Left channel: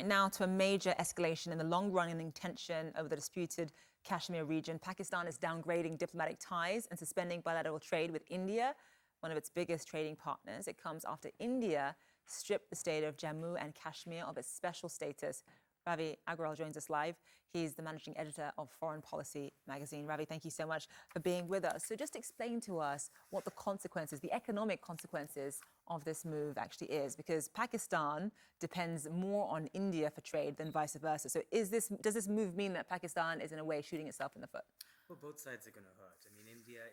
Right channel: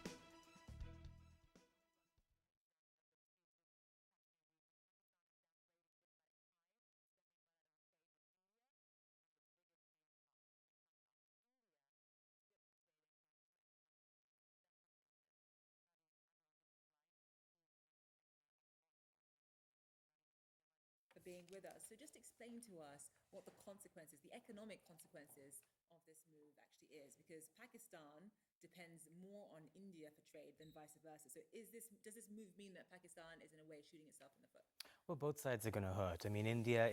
Right now to a major escalation in the long-running tension over the disputed Kashmir region. Pakistan is downgrading diplomatic ties and suspending bilateral trade with India, one of its biggest trading partners. It comes after India stripped the state of Jammu and Kashmir of its special status. Ravi Agrawal joins us live. He's the managing editor of Foreign Policy magazine. Ravi, thank you so much for being with us. So just explain to us what the consequences, the economic consequences of this move actually is, because Pakistan depends more on India for trade than vice versa. So does this move mean that Pakistan is in a way shooting itself in the foot? Well, both sides are going to hurt. I mean, India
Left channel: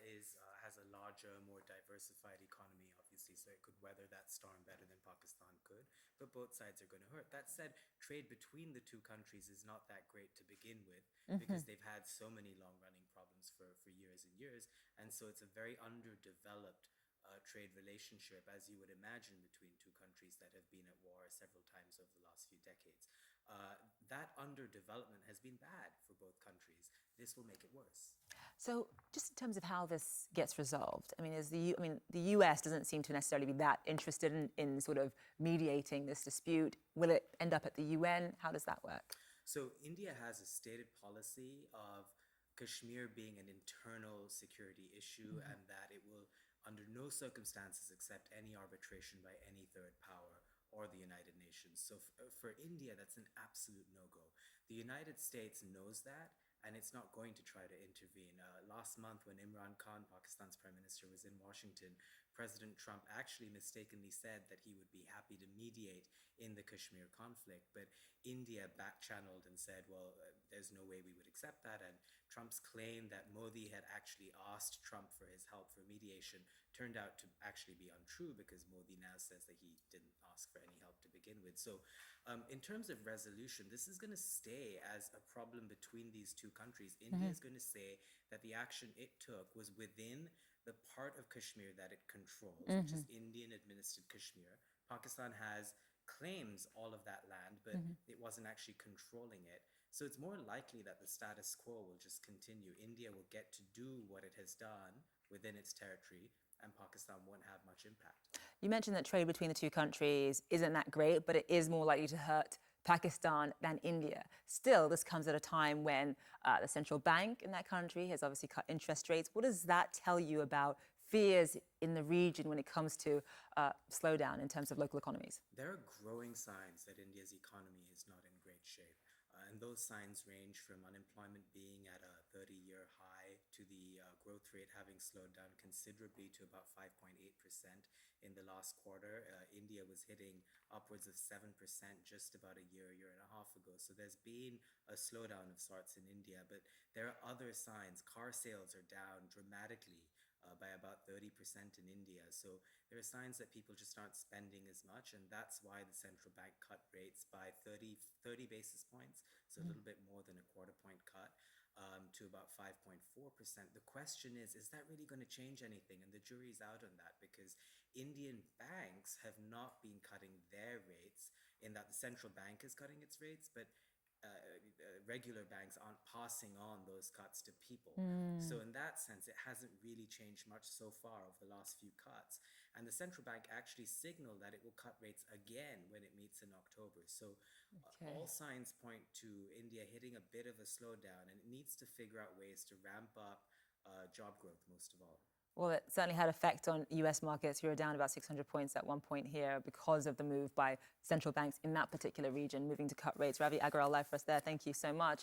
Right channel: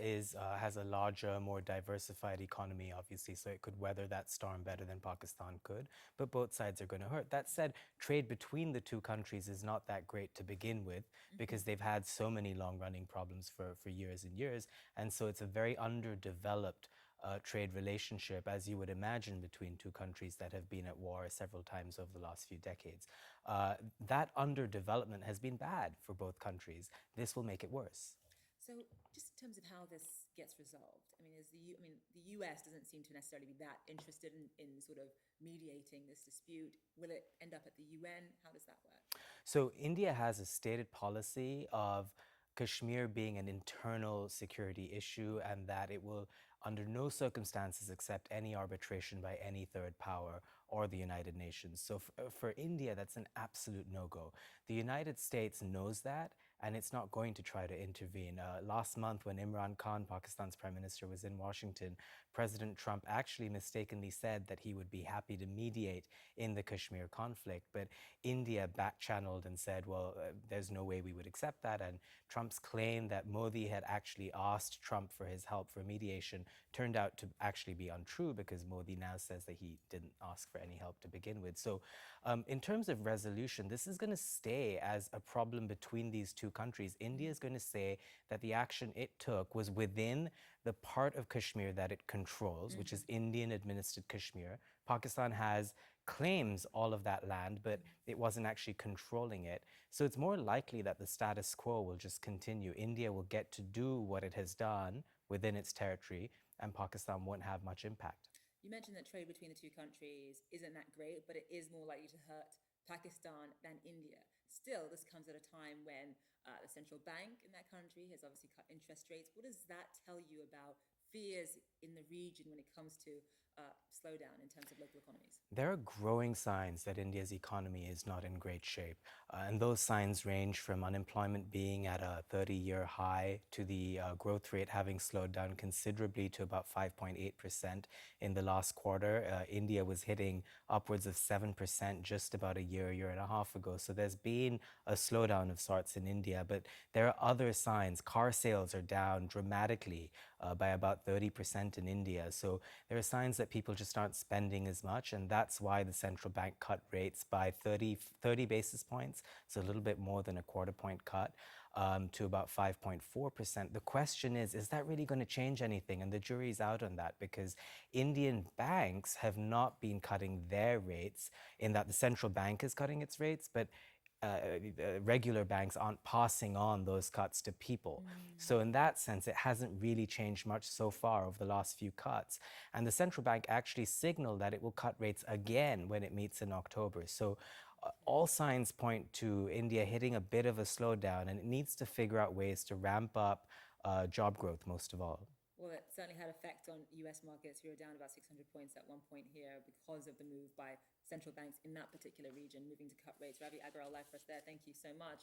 has a larger, more diversified economy, obviously, so it could weather that storm better than Pakistan could. But both sides are going to hurt. That said, trade between the two countries is not that great to begin with because they've had so many long-running problems for years and years. And so it's a very underdeveloped trade relationship, as you would imagine, between two countries that have been at war several times over the last few decades. That underdevelopment has been bad for both countries. This will make it worse. So just in terms of how this gets resolved, I mean, the US doesn't seem to necessarily be that interested in sort of mediating this dispute. Will it end up at the UN? How does that work? So India has a stated policy of Kashmir being an internal security issue and that it will under no circumstances accept any arbitration by any third power or the United Nations. So for India, that's an absolute no-go. The United States knows that, and it's not going to try to intervene. Last month, when Imran Khan, Pakistan's prime minister, was in Washington, President Trump actually mistakenly said that he would be happy to mediate in the Kashmir conflict. But India back-channeled and said, well, there's no way we would accept that. And Trump's claim that Modi had actually asked Trump for his help for mediation turned out to actually be untrue, because Modi now says that he didn't ask for any help to begin with. So in terms of resolution, this is going to stay as a problem between these two countries. India is going to say that the action it took was within the part of Kashmir that it controls, which is Indian-administered Kashmir. Pakistan claims all of that land, but it wasn't actually controlling it. So it's more likely that the status quo will just continue. India will get to do what it has done within its territory, and Pakistan won't have much impact. You mentioned that trade between the two countries isn't that great, but it is more likely to hurt Pakistan than India. Still, this comes at a time when the central bank in that country has obviously cut interest rates. What does that tell you about fears in the region when it comes to slowdown in terms of local economies? There are growing signs that India's economy is not in great shape. And those signs range from unemployment being at a 30-year high to the growth rate having slowed down considerably to about 5.8% in the last quarter. India was hitting upwards of 7% just about a year and a half ago. So there's been a slowdown of sorts in India. But there are other signs. Car sales are down dramatically by about 30% in India. So there are signs that people just aren't spending as much, and that's why the central bank cut rates by 30 basis points, so a little bit more than a quarter point cut, to about 5.4%. The question is that really going to change anything? And the jury's out on that, because Indian banks have not been cutting their rates, in that the central bank is cutting its rates, but regular banks aren't passing on those cuts to people. So in that sense, it hasn't really changed much so far over the last few cuts. And the central bank actually signaled that it will cut rates again when it meets in October. So all signs point to India hitting a bit of a slowdown, and it needs to figure out ways to ramp up job growth, most of all. Well, it certainly had effect on US markets. We were down about 600 points at one point here because of the move by central banks in that particular region, moving to cut rates. Ravi Agrawal live for us there. Thank you so much.